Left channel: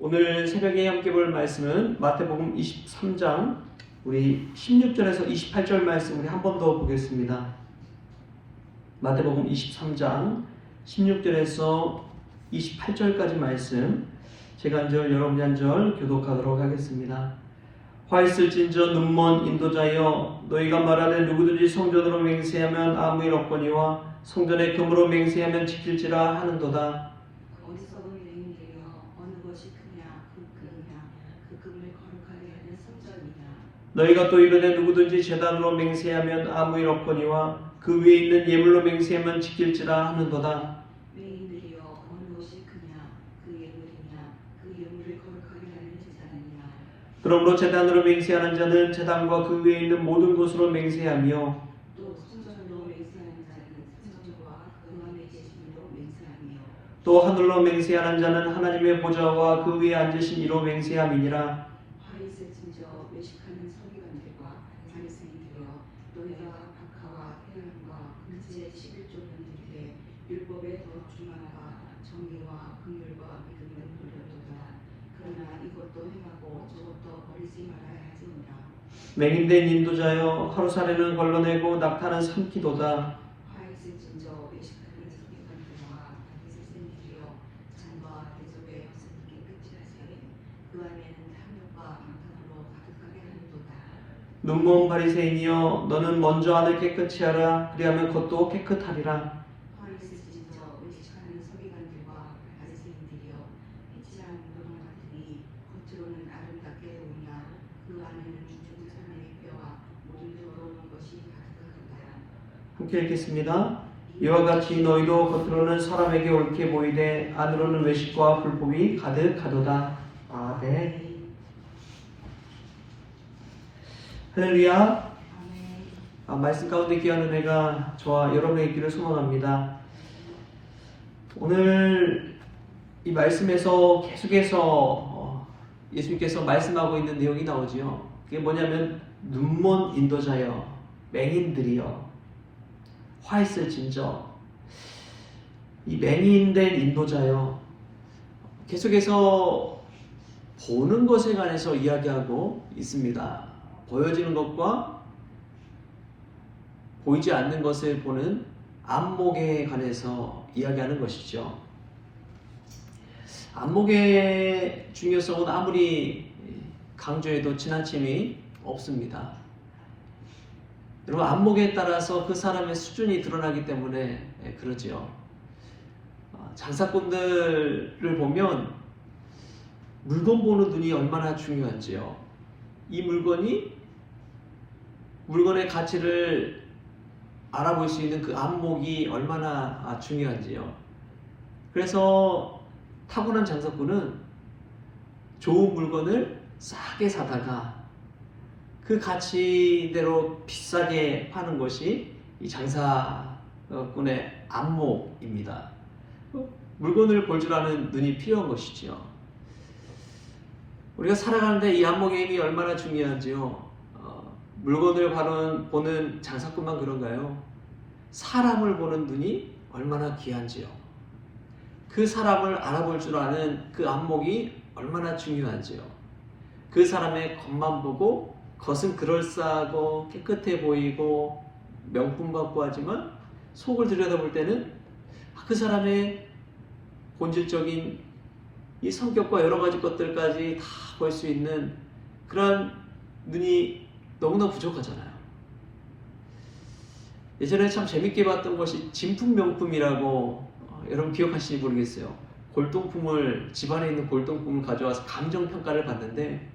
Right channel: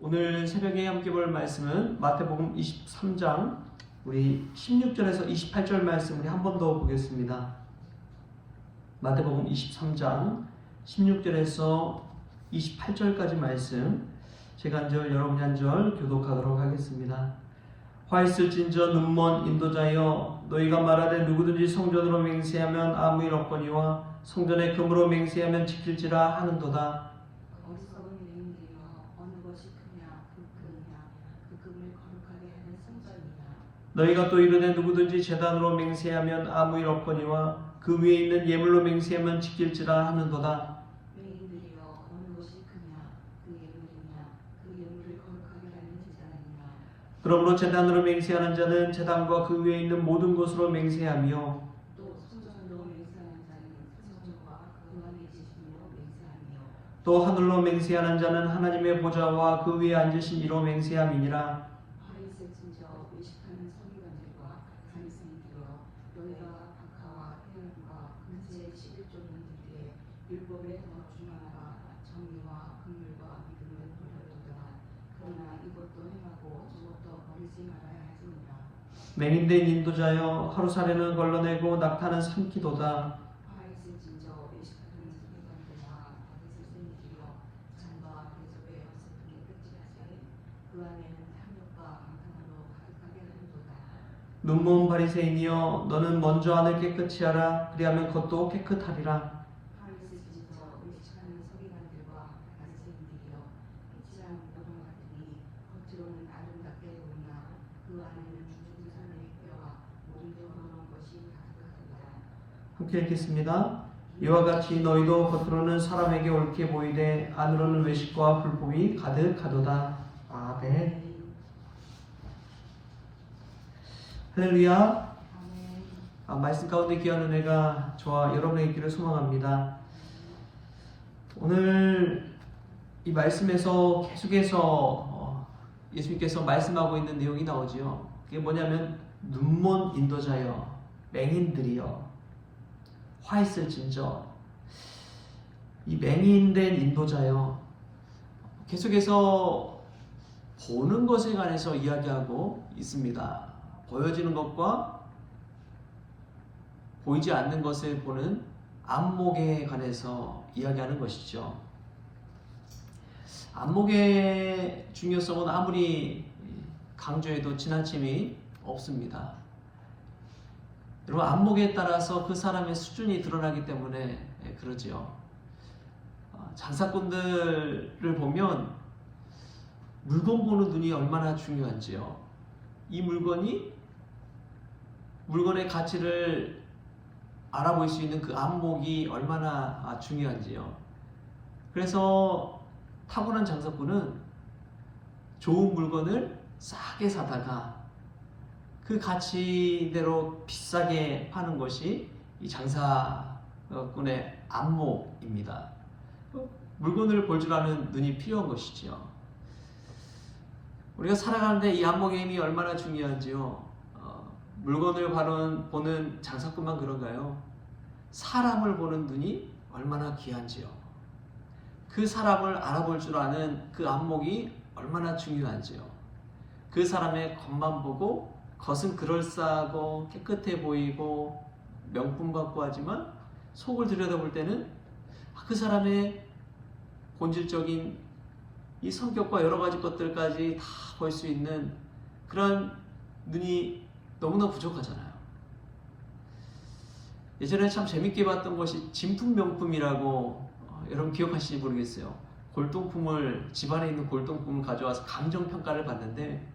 오늘 새벽에 함께 볼 말씀은 마태복음 23장 우리 16절에서 28절 말씀 우리 한 번 더 보겠습니다. 마태복음 23장 16절에서 28절까지 말씀 제가 한 절 여러분이 한 절 교독하도록 하겠습니다. 화 있을진저 눈먼 인도자여 너희가 말하는 누구든지 성전으로 맹세하면 아무 일 없거니와 성전에 금으로 맹세하면 지킬지라 하는도다. 어디서도 맹인되며 어느 것이 크냐 그 금이냐 그 금을 거룩하게 하는 성전이냐. 너희가 또 이르되 누구든지 제단으로 맹세하면 아무 일 없거니와 그 위에 있는 예물로 맹세하면 지킬지라 하는도다. 맹인들이여 어느 것이 크냐 그 예물이냐 그 예물을 거룩하게 하는 제사느냐. 그러므로 제단으로 맹세하는 자는 제단과 그 위에 있는 모든 곳으로 맹세하며 또 성전으로 맹세하는 자는 성전과 그 안에 계시는로 맹세하며 또 하늘로 맹세하는 자는 하나님의 보좌와 그 위에 앉으신 이로 맹세함이니라. 화 있을진저 외식하는 서기관들과 바리새인들이여 너희가 박하와 회관과 금지의 11조는 들되 율법에 더 중하가 정의와 긍휼과 믿음을 버렸도다. 그러나 이것도 행하고 저것도 버리지 말아야 할지니라. 맹인된 인도자여 하루살이는 걸러내고 낙타는 삼키도다. 화 있을진저 외식하는 서기관들과 바리새인들이여 잔과 대접에 허세끼 끝이 하사니 그 안에는 탐욕과 방탕으로 가득하게 하는도다. 눈먼 바리새인이여 너는 먼저 안을 깨끗이 하라. 그리하면 겉도 깨끗하리라. 화 있을진저 외식하는 서기관들과 바리새인들이여 피치장 노랑 같으니 겉으로는 아름답게 보이나 그 안에는 죽은 사람의 뼈와 모든 더러운 것이 가득하도다. 함께 읽겠습니다. 이와 같이 너희도 겉으로는 사람에게 옳게 보이되 안으로는 외식과 불법이 가득하도다. 아멘. 할렐루야. 말씀 가운데 귀한 은혜가 저와 여러분의 있기를 소망합니다. 오늘 이 말씀에서 계속해서 예수님께서 말씀하고 있는 내용이 나오지요. 그게 뭐냐면 눈먼 인도자여 맹인들이여 화 있을진저. 이 맹인된 인도자여 계속해서 보는 것에 관해서 이야기하고 있습니다. 보여지는 것과 보이지 않는 것을 보는 안목에 관해서 이야기하는 것이죠. 안목의 중요성은 아무리 강조해도 지나침이 없습니다. 여러분, 안목에 따라서 그 사람의 수준이 드러나기 때문에 그러지요. 장사꾼들을 보면 물건 보는 눈이 얼마나 중요한지요. 이 물건의 가치를 알아볼 수 있는 그 안목이 얼마나 중요한지요. 그래서 타고난 장사꾼은 좋은 물건을 싸게 사다가 그 가치대로 비싸게 파는 것이 이 장사꾼의 안목입니다. 물건을 볼 줄 아는 눈이 필요한 것이지요. 우리가 살아가는데 이 안목의 힘이 얼마나 중요한지요. 물건을 보는 장사꾼만 그런가요? 사람을 보는 눈이 얼마나 귀한지요. 그 사람을 알아볼 줄 아는 그 안목이 얼마나 중요한지요. 그 사람의 겉만 보고 겉은 그럴싸하고 깨끗해 보이고 명품 받고 하지만 속을 들여다볼 때는 그 사람의 본질적인 이 성격과 여러 가지 것들까지 다 볼 수 있는 그런 눈이 너무나 부족하잖아요. 예전에 참 재밌게 봤던 것이 진품명품이라고 여러분 기억하시는지 모르겠어요. 집안에 있는 골동품을 가져와서 감정평가를 받는데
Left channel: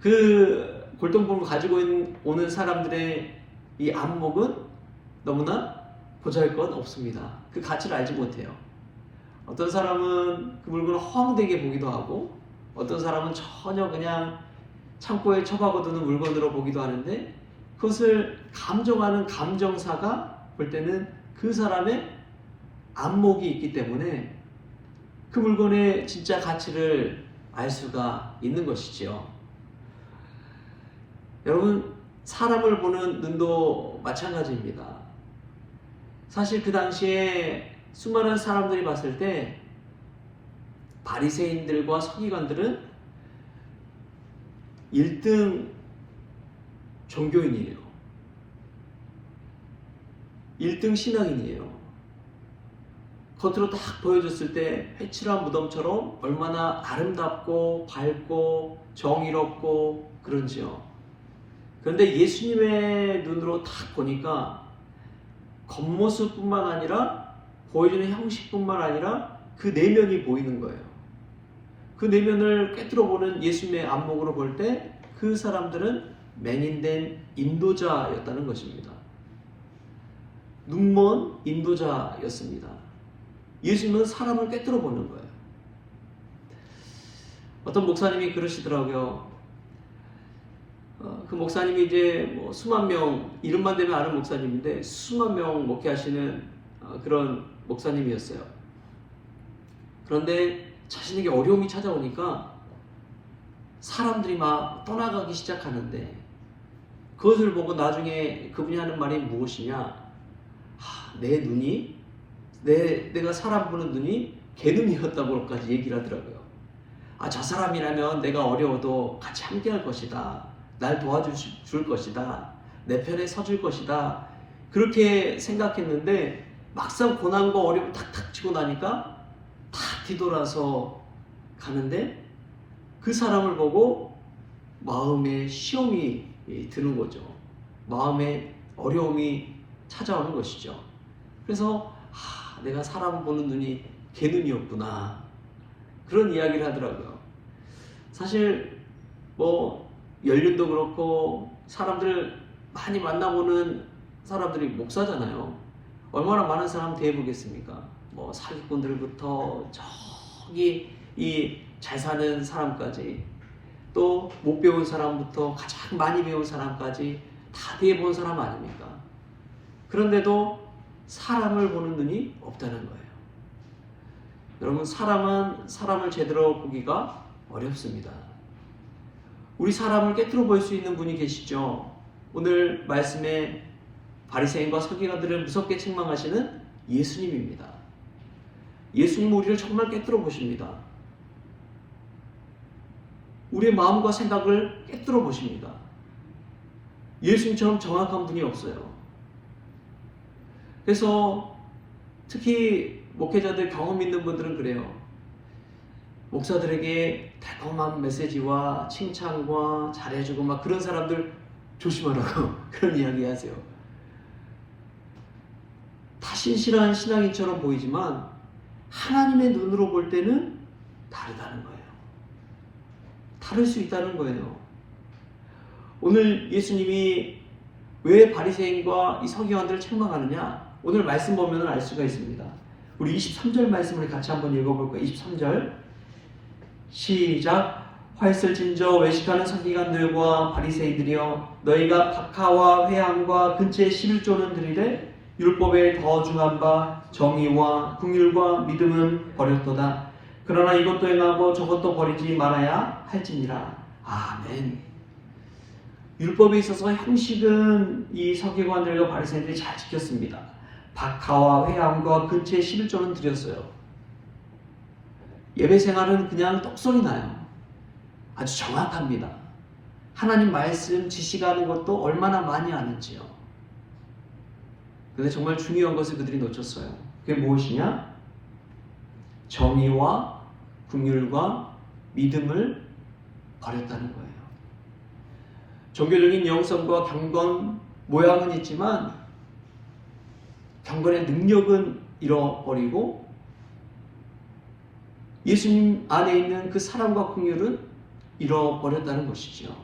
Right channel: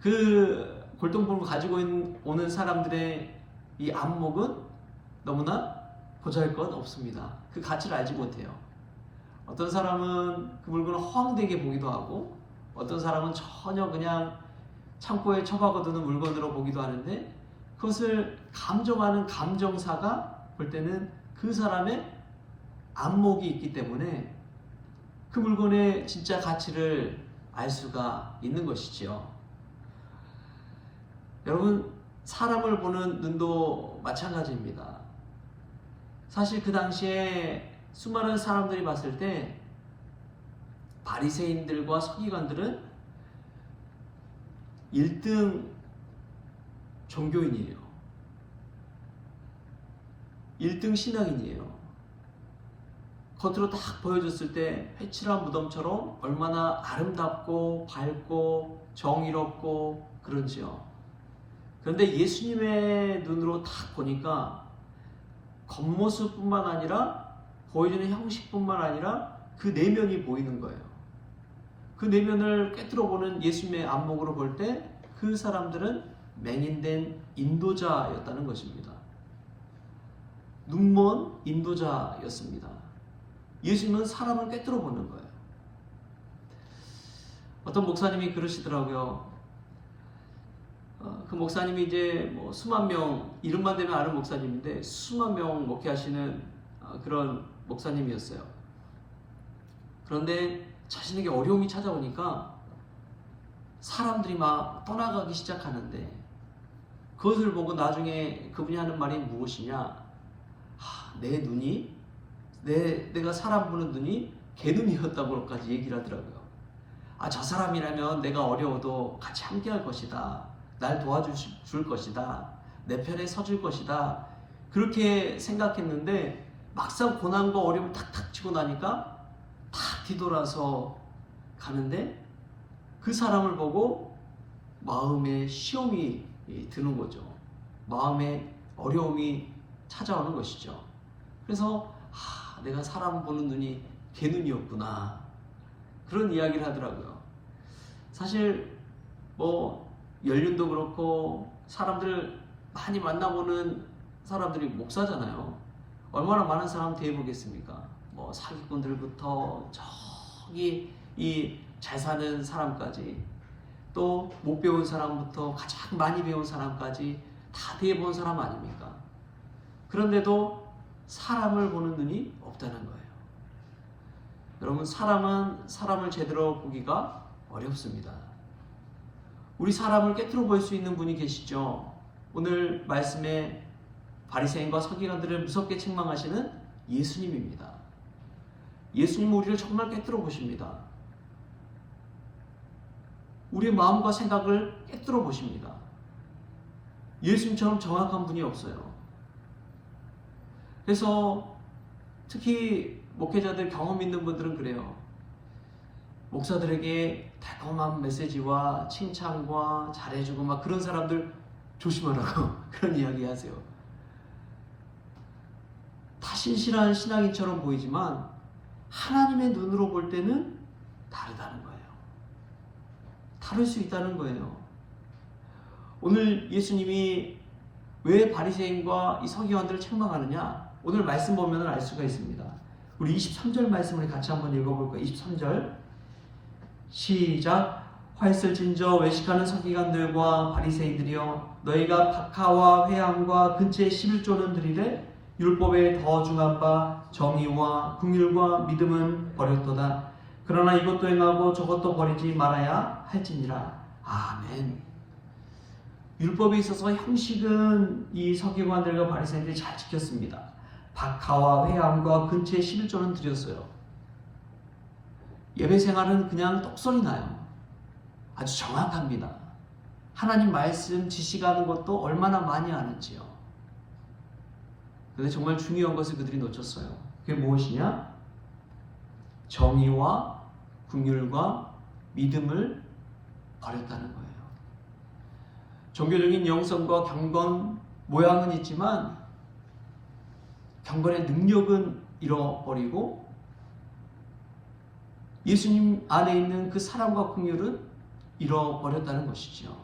그 골동품을 가지고 오는 사람들의 이 안목은 너무나 보잘것 없습니다. 그 가치를 알지 못해요. 어떤 사람은 그 물건을 허황되게 보기도 하고 어떤 사람은 전혀 그냥 창고에 처박아두는 물건으로 보기도 하는데 그것을 감정하는 감정사가 볼 때는 그 사람의 안목이 있기 때문에 그 물건의 진짜 가치를 알 수가 있는 것이지요. 여러분, 사람을 보는 눈도 마찬가지입니다. 사실 그 당시에 수많은 사람들이 봤을 때 바리새인들과 서기관들은 1등 종교인이에요. 1등 신앙인이에요. 겉으로 딱 보여줬을 때 회칠한 무덤처럼 얼마나 아름답고 밝고 정의롭고 그런지요. 그런데 예수님의 눈으로 딱 보니까 겉모습뿐만 아니라 보여주는 형식뿐만 아니라 그 내면이 보이는 거예요. 그 내면을 꿰뚫어 보는 예수님의 안목으로 볼 때 그 사람들은 맹인된 인도자였다는 것입니다. 눈먼 인도자였습니다. 예수님은 사람을 꿰뚫어 보는 거예요. 어떤 목사님이 그러시더라고요. 그 목사님이 이제 뭐 수만 명, 이름만 대면 아는 목사님인데 수만 명 목회하시는 그런 목사님이었어요. 그런데 자신에게 어려움이 찾아오니까 사람들이 막 떠나가기 시작하는데 그것을 보고 나중에 그분이 하는 말이 무엇이냐? 내 눈이 내가 사람 보는 눈이 개눈이었다고까지 얘기를 하더라고요. 저 사람이라면 내가 어려워도 같이 함께 할 것이다. 날 도와줄 것이다. 내 편에 서줄 것이다. 그렇게 생각했는데 막상 고난과 어려움을 탁탁 치고 나니까 탁 뒤돌아서 가는데 그 사람을 보고 마음에 시험이 드는 거죠. 마음에 어려움이 찾아오는 것이죠. 그래서 내가 사람 보는 눈이 개눈이었구나. 그런 이야기를 하더라고요. 사실 뭐 연륜도 그렇고 사람들을 많이 만나보는 사람들이 목사잖아요. 얼마나 많은 사람 대해보겠습니까? 뭐 사기꾼들부터 저기 이 잘 사는 사람까지 또 못 배운 사람부터 가장 많이 배운 사람까지 다 대해본 사람 아닙니까? 그런데도 사람을 보는 눈이 없다는 거예요. 여러분, 사람은 사람을 제대로 보기가 어렵습니다. 우리 사람을 꿰뚫어 볼 수 있는 분이 계시죠. 오늘 말씀에 바리새인과 서기관들을 무섭게 책망하시는 예수님입니다. 예수님은 우리를 정말 꿰뚫어 보십니다. 우리의 마음과 생각을 꿰뚫어 보십니다. 예수님처럼 정확한 분이 없어요. 그래서 특히 목회자들 경험 있는 분들은 그래요. 목사들에게 달콤한 메시지와 칭찬과 잘해주고 막 그런 사람들 조심하라고 그런 이야기 하세요. 다 신실한 신앙인처럼 보이지만 하나님의 눈으로 볼 때는 다르다는 거예요. 다를 수 있다는 거예요. 오늘 예수님이 왜 바리새인과 이 서기관들을 책망하느냐? 오늘 말씀 보면 알 수가 있습니다. 우리 23절 말씀을 같이 한번 읽어볼까요? 23절 시작. 활설진저 외식하는 서기관들과 바리새인들이여, 너희가 박하와 회향과 근처에 11조는 드리되 율법에 더 중한 바 정의와 긍휼과 믿음은 버렸도다. 그러나 이것도 행하고 저것도 버리지 말아야 할지니라. 아멘. 율법에 있어서 형식은 이 서기관들과 바리새인들이 잘 지켰습니다. 박하와 회향과 근처에 11조는 드렸어요. 예배 생활은 그냥 똑소리 나요. 아주 정확합니다. 하나님 말씀 지시가는 것도 얼마나 많이 아는지요. 근데 정말 중요한 것을 그들이 놓쳤어요. 그게 무엇이냐? 정의와 긍휼과 믿음을 버렸다는 거예요. 종교적인 영성과 경건 모양은 있지만 경건의 능력은 잃어버리고 예수님 안에 있는 그 사랑과 긍휼은 잃어버렸다는 것이죠.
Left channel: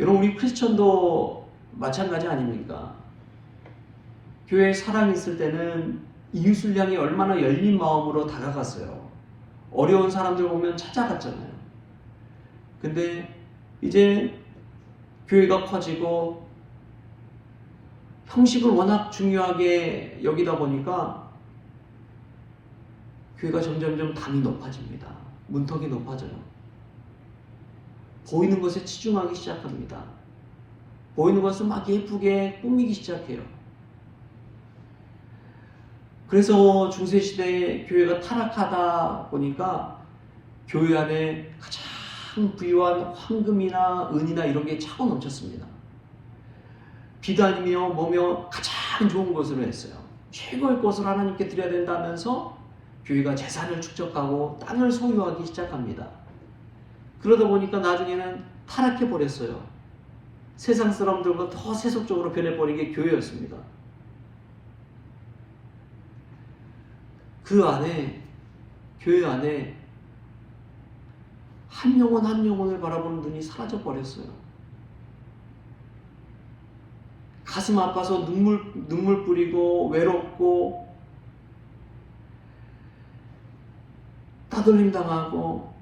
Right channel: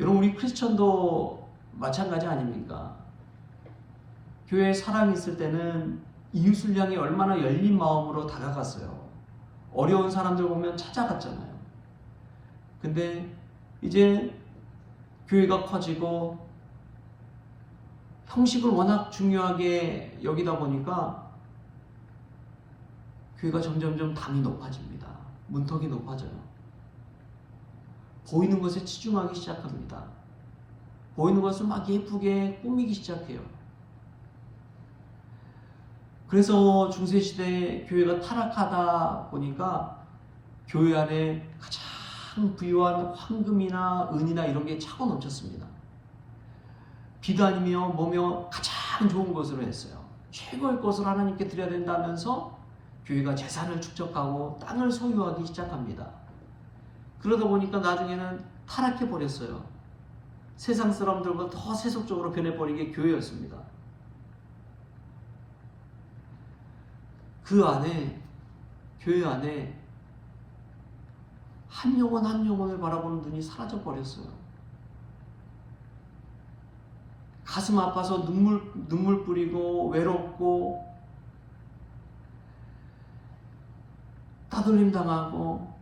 여러분, 우리 크리스천도 마찬가지 아닙니까? 교회에 사랑이 있을 때는 이웃을 향해 얼마나 열린 마음으로 다가갔어요. 어려운 사람들 보면 찾아갔잖아요. 근데 이제 교회가 커지고 형식을 워낙 중요하게 여기다 보니까 교회가 점점점 담이 높아집니다. 문턱이 높아져요. 보이는 것에 치중하기 시작합니다. 보이는 것을 막 예쁘게 꾸미기 시작해요. 그래서 중세시대에 교회가 타락하다 보니까 교회 안에 가장 부유한 황금이나 은이나 이런 게 차고 넘쳤습니다. 비단이며 뭐며 가장 좋은 것으로 했어요. 최고의 것을 하나님께 드려야 된다면서 교회가 재산을 축적하고 땅을 소유하기 시작합니다. 그러다 보니까 나중에는 타락해 버렸어요. 세상 사람들보다 더 세속적으로 변해버린 게 교회였습니다. 그 안에, 교회 안에 한 영혼 한 영혼을 바라보는 눈이 사라져 버렸어요. 가슴 아파서 눈물 뿌리고 외롭고 따돌림 당하고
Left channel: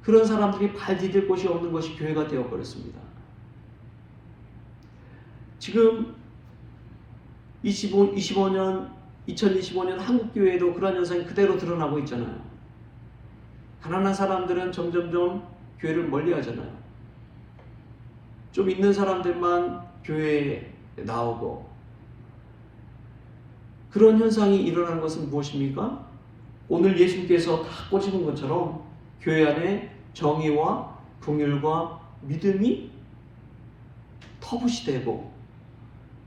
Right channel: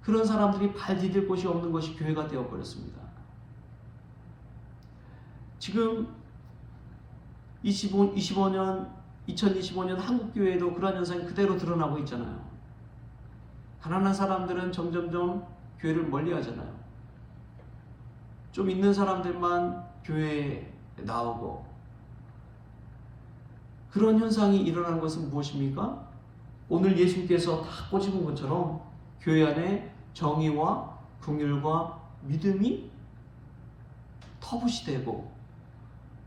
그런 사람들이 발 디딜 곳이 없는 것이 교회가 되어버렸습니다. 지금 2025년 한국교회에도 그런 현상이 그대로 드러나고 있잖아요. 가난한 사람들은 점점점 교회를 멀리 하잖아요. 좀 있는 사람들만 교회에 나오고, 그런 현상이 일어나는 것은 무엇입니까? 오늘 예수님께서 다 꼬집은 것처럼 교회 안에 정의와 긍휼과 믿음이 터부시되고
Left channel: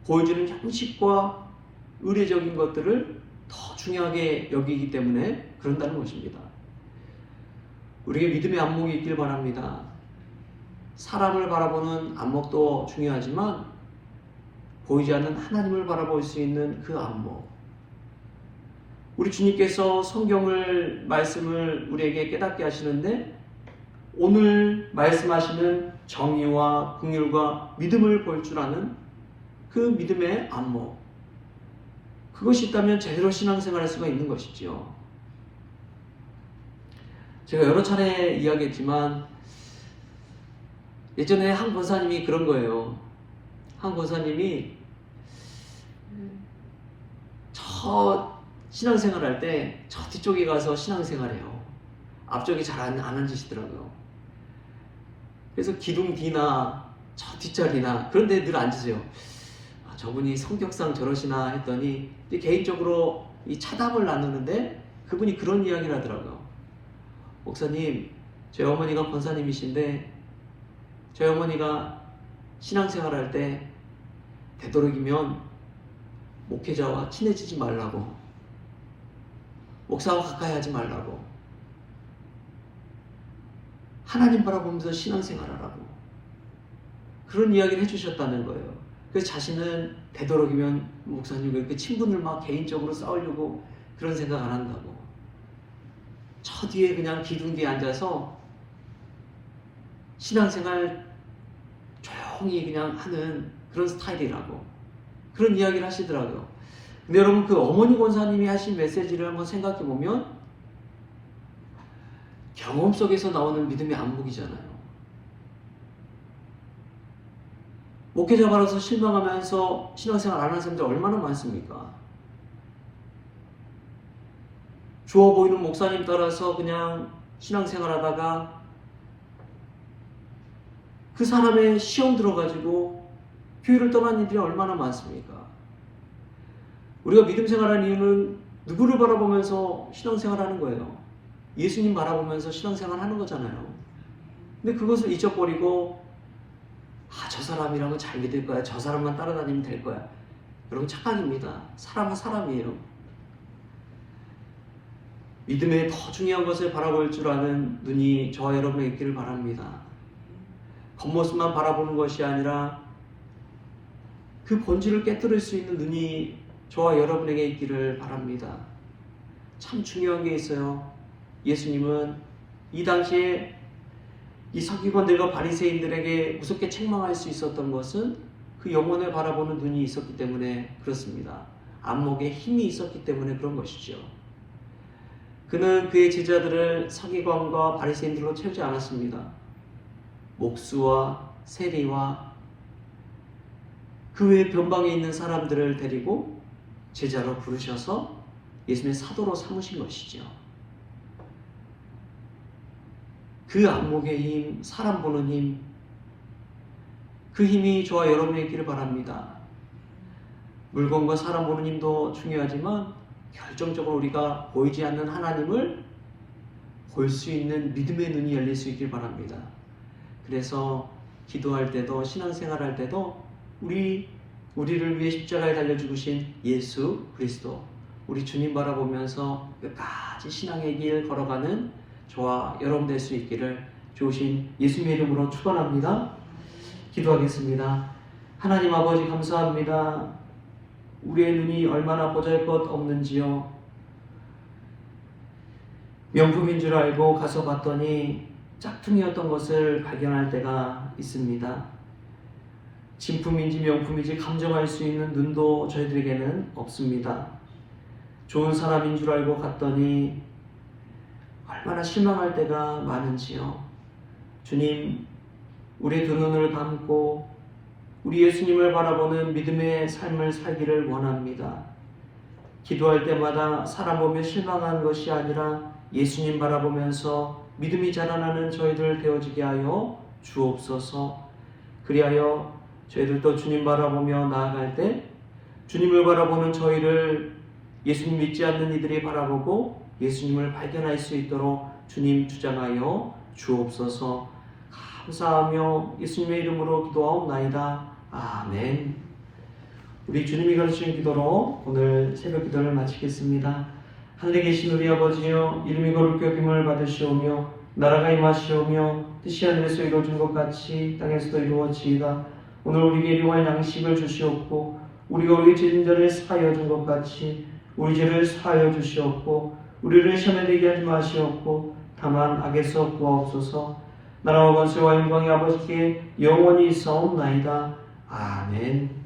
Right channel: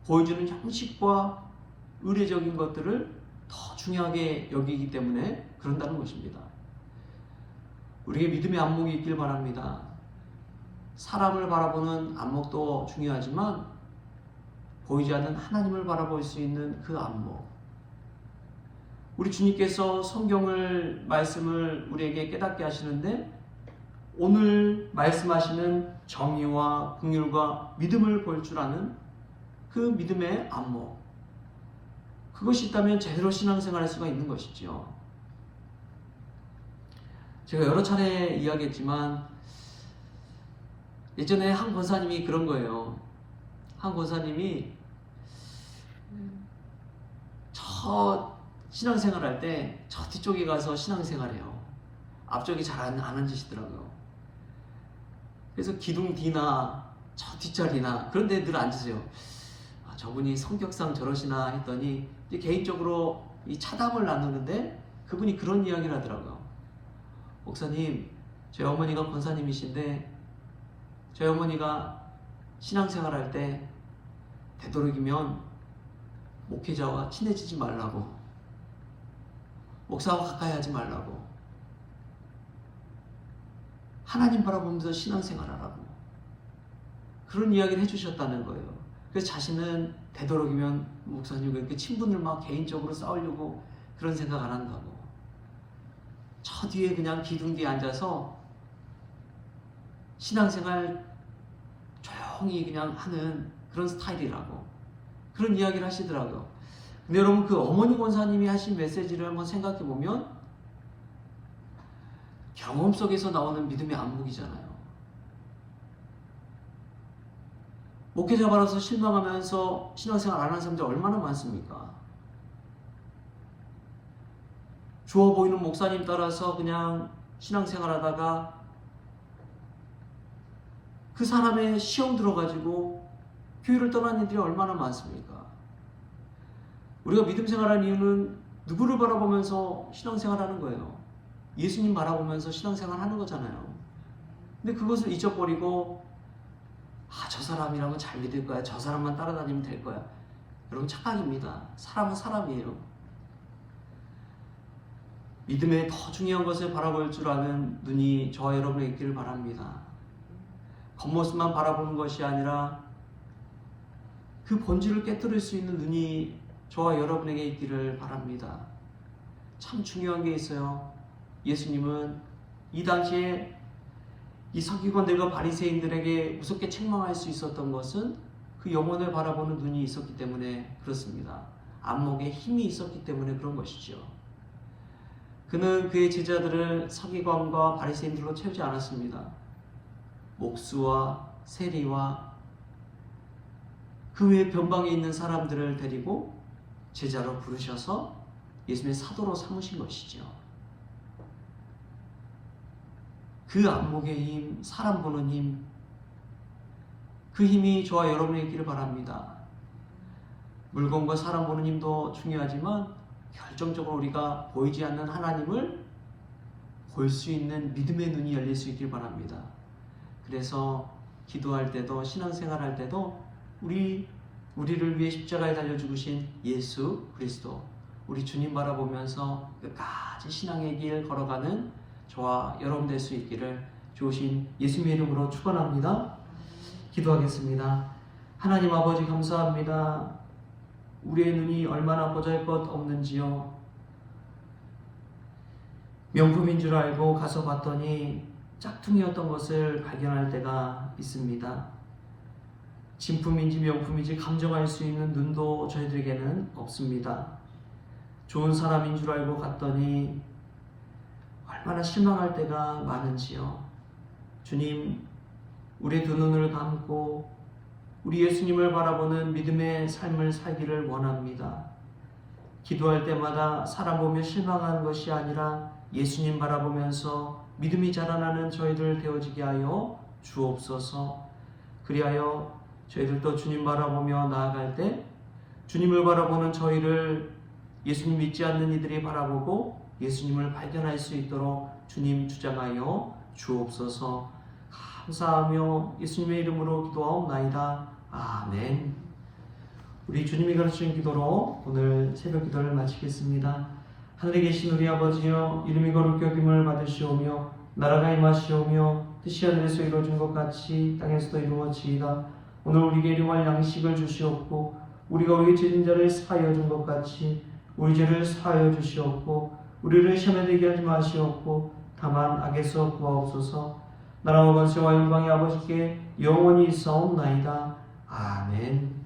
보여주는 형식과 의례적인 것들을 더 중요하게 여기기 때문에 그런다는 것입니다. 우리에게 믿음의 안목이 있길 바랍니다. 사람을 바라보는 안목도 중요하지만 보이지 않는 하나님을 바라볼 수 있는 그 안목, 우리 주님께서 성경을 말씀을 우리에게 깨닫게 하시는데 오늘 말씀하시는 정의와 긍휼과 믿음을 볼 줄 아는 그 믿음의 안목, 그것이 있다면 제대로 신앙생활할 수가 있는 것이지요. 제가 여러 차례 이야기했지만 예전에 한 권사님이 그런 거예요. 한 권사님이 저 신앙생활 할 때 저 뒤쪽에 가서 신앙생활해요. 앞쪽에 잘 안 앉으시더라고요. 그래서 기둥 뒤나 저 뒷자리나 그런 데 늘 앉으세요. 아, 저분이 성격상 저러시나 했더니 개인적으로 이 차담을 나누는데 그분이 그런 이야기를 하더라고요. 목사님, 저희 어머니가 권사님이신데 저희 어머니가 신앙생활 할 때 되도록이면 목회자와 친해지지 말라고, 목사와 가까이 하지 말라고, 하나님 바라보면서 신앙생활하라고 그런 이야기를 해주셨다는 거예요. 그래서 자신은 되도록이면 목사님과 이렇게 친분을 막 개인적으로 쌓으려고 그런 생각 안 한다고, 저 뒤에 그냥 기둥 뒤에 앉아서 신앙생활 조용히 그냥 하는 그런 스타일이라고 그런 이야기를 하시더라고요. 근데 여러분, 그 어머니 권사님이 하신 메시지를 한번 생각해 보면 경험 속에서 나오는 믿음의 안목이잖아요. 목회자 받아서 실망하면서 신앙생활 안 하는 사람들 얼마나 많습니까? 좋아 보이는 목사님 따라서 그냥 신앙생활 하다가 그 사람의 시험 들어가지고 교회를 떠난 이들이 얼마나 많습니까? 우리가 믿음 생활하는 이유는 누구를 바라보면서 신앙생활하는 거예요. 예수님 바라보면서 신앙생활하는 거잖아요. 근데 그것을 잊어버리고 저 사람이라면 잘 믿을 거야, 저 사람만 따라다니면 될 거야. 여러분, 착각입니다. 사람은 사람이에요. 믿음의 더 중요한 것을 바라볼 줄 아는 눈이 저와 여러분에게 있기를 바랍니다. 겉모습만 바라보는 것이 아니라 그 본질을 깨뜨릴 수 있는 눈이 저와 여러분에게 있기를 바랍니다. 참 중요한 게 있어요. 예수님은 이 당시에 이 서기관들과 바리새인들에게 무섭게 책망할 수 있었던 것은 그 영혼을 바라보는 눈이 있었기 때문에 그렇습니다. 안목에 힘이 있었기 때문에 그런 것이죠. 그는 그의 제자들을 서기관과 바리새인들로 채우지 않았습니다. 목수와 세리와 그 외 변방에 있는 사람들을 데리고 제자로 부르셔서 예수님의 사도로 삼으신 것이죠. 그 안목의 힘, 사람 보는 힘, 그 힘이 저와 여러분에게 있기를 바랍니다. 물건과 사람 보는 힘도 중요하지만 결정적으로 우리가 보이지 않는 하나님을 볼 수 있는 믿음의 눈이 열릴 수 있길 바랍니다. 그래서 기도할 때도 신앙생활할 때도 우리를 위해 십자가에 달려 죽으신 예수 그리스도, 우리 주님 바라보면서 끝까지 신앙의 길 걸어가는 저와 여러분 될 수 있기를 주신 예수님의 이름으로 축원합니다. 기도하겠습니다. 하나님 아버지 감사합니다. 우리의 눈이 얼마나 보잘것없는지요. 명품인 줄 알고 가서 봤더니 짝퉁이었던 것을 발견할 때가 있습니다. 진품인지 명품인지 감정할 수 있는 눈도 저희들에게는 없습니다. 좋은 사람인 줄 알고 갔더니 얼마나 실망할 때가 많은지요. 주님, 우리 두 눈을 감고 우리 예수님을 바라보는 믿음의 삶을 살기를 원합니다. 기도할 때마다 사람 보며 실망한 것이 아니라 예수님 바라보면서 믿음이 자라나는 저희들 되어지게 하여 주옵소서. 그리하여 저희들도 주님 바라보며 나아갈 때 주님을 바라보는 저희를 예수님 믿지 않는 이들이 바라보고 예수님을 발견할 수 있도록 주님 주장하여 주옵소서. 감사하며 예수님의 이름으로 기도하옵나이다. 아멘. 우리 주님이 가르치신 기도로 오늘 새벽 기도를 마치겠습니다. 하늘에 계신 우리 아버지여, 이름이 거룩히 여김을 받으시오며 나라가 임하시오며 뜻이 하늘에서 이루어진 것 같이 땅에서도 이루어지이다. 오늘 우리에게 일용할 양식을 주시옵고 우리가 우리의 죄진 자를 사하여 준 것 같이 우리 죄를 사하여 주시옵고 우리를 시험에 들게 하지 마시옵고 다만 악에서 구하옵소서. 나라와 권세와 영광이 아버지께 영원히 있사옵나이다. 아멘.